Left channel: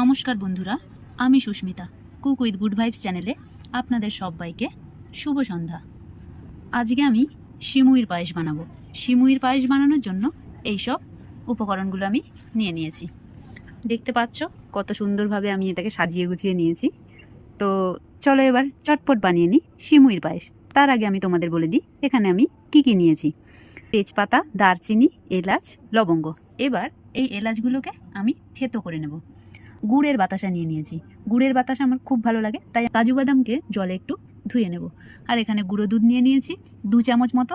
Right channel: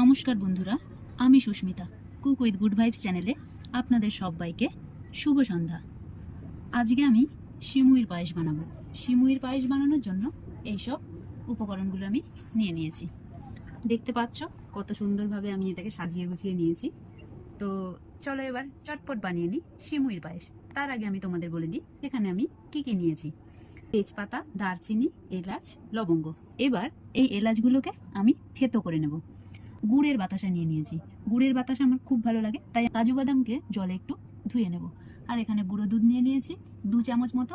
নমস্কার বন্ধুরা, আমি Susmita. Cook with good vibes চ্যানেলে আপনাদের সবাইকে শুভ সন্ধ্যা। আজকে আমি সিমুইর পায়েস বানাবো। সিমুইর পায়েস বানানোর জন্য এই সব উপকরণগুলো আমি নিয়ে নিয়েছি। দেখতে পাচ্ছ কত সুন্দরভাবে আমি এটাকে সাজিয়ে গুছিয়ে নিয়েছি। তো চলো এবার চটপট বানিয়ে নিই সিমুইর পায়েস। তার আগে আমি তোমাদের বলে দিই এখানে আমি কি নিয়েছি। তেজপাতা, দারচিনি, এলাচ, লবঙ্গ। এবার এই এলাচগুলোকে আমি থেতো করে নেব। গুড়ের বাতাসা নিয়ে নিয়েছি। গুড়ের বাতাসা আমার খুব ভালো লাগে, তাই কাজু বাদামকে জলে একটু ধুয়ে নেব। আর এখানে গুঁড়ো দুধ নিয়ে নিয়েছি 2 চামচ মতো।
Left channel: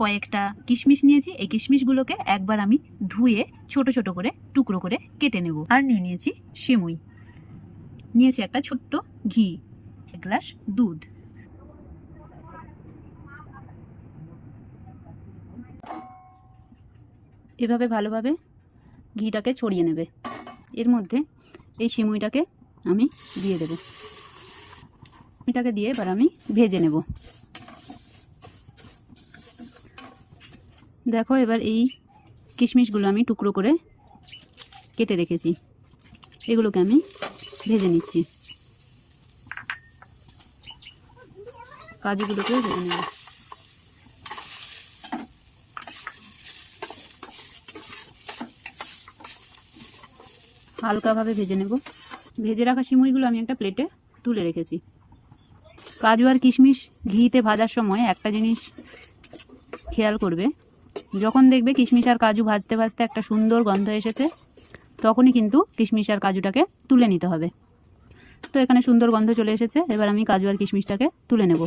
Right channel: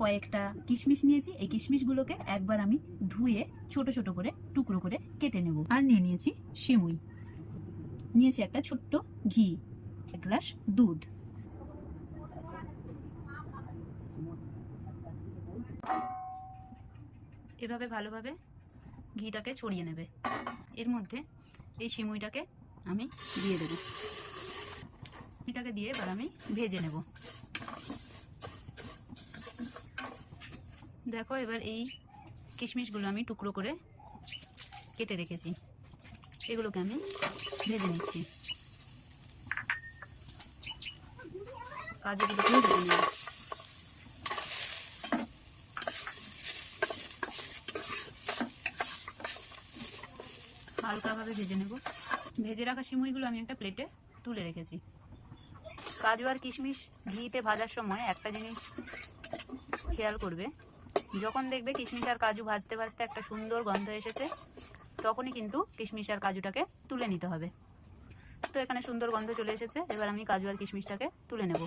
কয়েকটা কিশমিশ নিয়েছি। এই কিশমিশগুলোকে একবার আমি ধুয়ে ছোট ছোট করে টুকরো করে কেটে নেব। আর নিয়ে নিয়েছি সিমুই, নিয়েছি একটা ছোট্ট ঘি, 1 গ্লাস দুধ। এভাবে ভালোভাবে ঘিটাকে ছড়িয়ে নেবে। এর মধ্যে এই সিমুইটাকে আমি দিয়ে দেব। এটাকে দিয়ে এবার আমি ভেজে নেব। দেখো এবার এই কিশমিশগুলো আমি টুকরো করে কেটে রেখেছি, এগুলোকে আমি ভেজে নিচ্ছি। কাজুগুলোকেও ভেজে নেব। হালকাভাবে ভেজে নেব। ভেজে রাখা সিমুইগুলো আমি একটা প্লেটে তুলে রেখেছি। কাজু আর কিশমিশ ঘিতে ভাজার সময় একটা জিনিস খেয়াল করবে, যখন দেখবে কিশমিশ আর কাজু ভাজতে ভাজতে একটা সুন্দর গন্ধ এসেছে, তখনই কিন্তু কিশমিশ আর কাজুটাকে তুলে নিতে হবে। তো এখানে সুন্দর গন্ধ চলে এসেছে। এবার আমি কাজু আর কিশমিশটাকে তুলে নেব।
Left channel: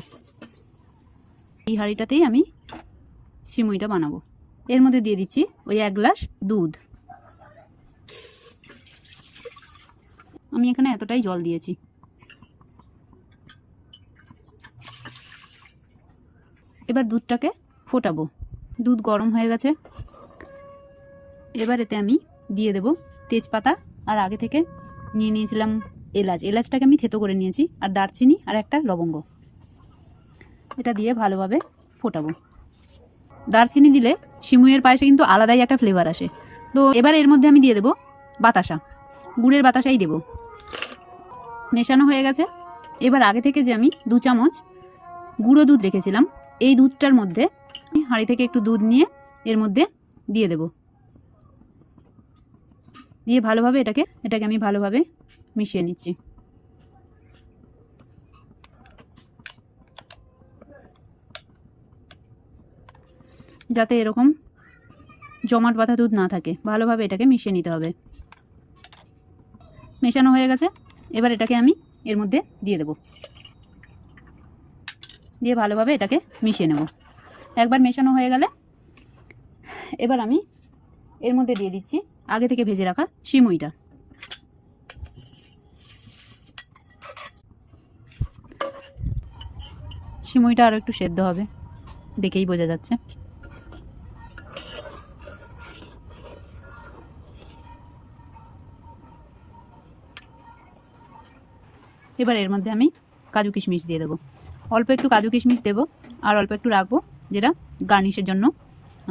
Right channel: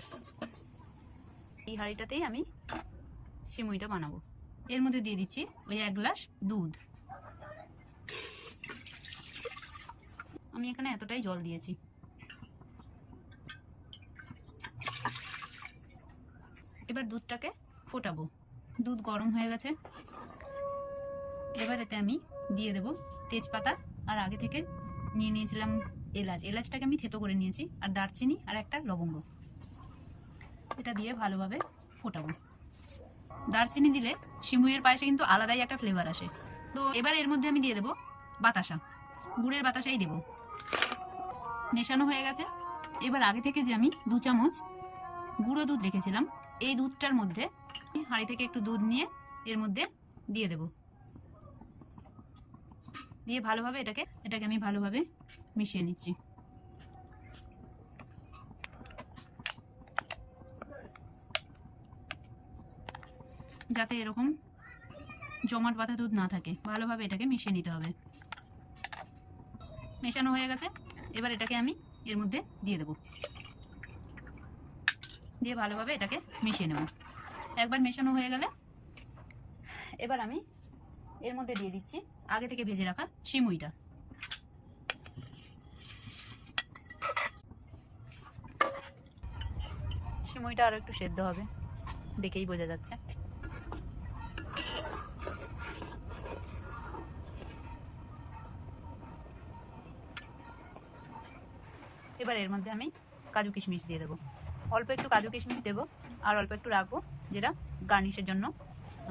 এই হাঁড়িটাতেই আমি সিমুইটা বানাবো। এর মধ্যে দিয়ে দিচ্ছি ওই 1 গ্লাস দুধ। আমি এখানে এতটাই জল দিয়েছি। এবার দুধটাকে ফোটাবো। দুধ গরম হয়ে গেছে। এবার এতে আমি দিয়ে দেব তেজপাতা, আর আগে থেকে নিয়ে নিয়েছিলাম এলাচ। এলাচটাকে আমি থেতো করে নিয়েছি, আর দারচিনি আর একটা লবঙ্গ। এটা দিয়ে ভালোভাবে ফোটাবো। দারচিনি দিলে সিমুইয়ের পায়েসে কিন্তু আলাদাই একটা ফ্লেভার আসে। তো এবার এর মধ্যে আমি দিয়ে দেব বাতাসা, গুড়ের বাতাসাই দেব। মেশানো হয়ে গেছে। এবার আগে থেকে যে আমি 2 চামচ গুঁড়ো দুধ রেখেছিলাম, এই দুধটার মধ্যে হাঁড়ি থেকে একটু দুধ নিয়ে এর মধ্যে দিয়ে দেব। দিয়ে ভালোভাবে এটাকে আমি ভালোভাবে মিশিয়ে নিচ্ছি। যাতে এরকম জমাট বাঁধা দুধ না থাকে, ভালোভাবে এটাকে মিশিয়ে নিতে হবে। মেশানো হয়ে গেছে। এবার এটাকে আমি এর মধ্যে দিয়ে দেব। দিয়ে ভালোভাবে এটাকে মিশিয়ে নেব। একবার মেশানো হয়ে গেলে এবার আমি এর মধ্যে দিয়ে দিচ্ছি আগে থেকে ভেজে রাখা সিমুইটা। সিমুইটা আরও একটু সেদ্ধ হবে, দেখেই বোঝা যাচ্ছে। এবার এর মধ্যে আমি কাজু কিশমিশ দিয়ে দেবো। অল্প একটু কাজু কিশমিশ দেবো, আর অল্প একটু রাখবো, যেটা গার্নিশের জন্য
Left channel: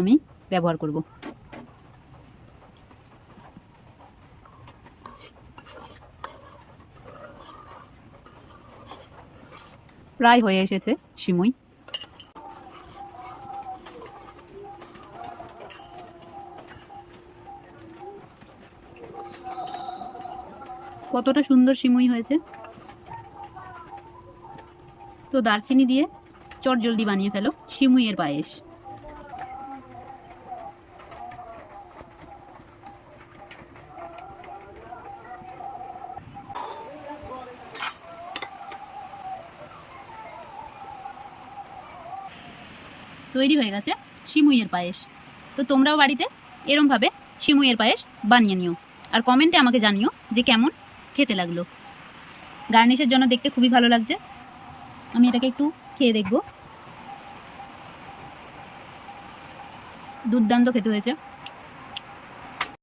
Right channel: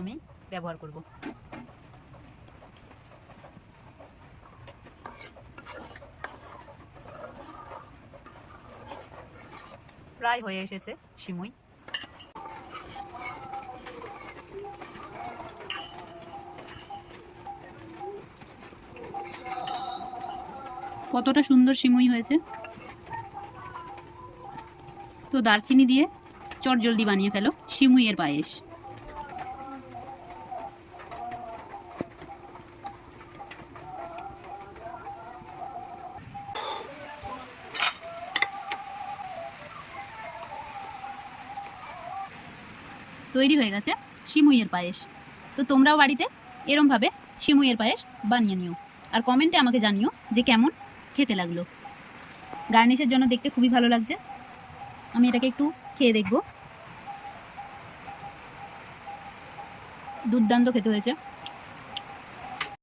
আমি ব্যবহার করব। প্রায় হয়ে এসেছে সিমুই। কতটা সুন্দর সিমুই হয়েছে। তো দারচিনি দিয়ে চটজলদি বানিয়ে ফেলো সিমুইয়ের পায়েস। তৈরি হয়ে গেছে সিমুইয়ের পায়েস। তো তোমরাও বাড়িতে এরমভাবে সিমুইয়ের পায়েস বানিয়ে নিও, আর কমেন্টে আমাকে জানিও যে কেমন খেতে লাগলো। গার্নিশের জন্য দেখতে খুবই ভালো লাগছে। আমি এটাকে একটু খেয়ে দেখব। দুর্দান্ত খেতে হয়েছে।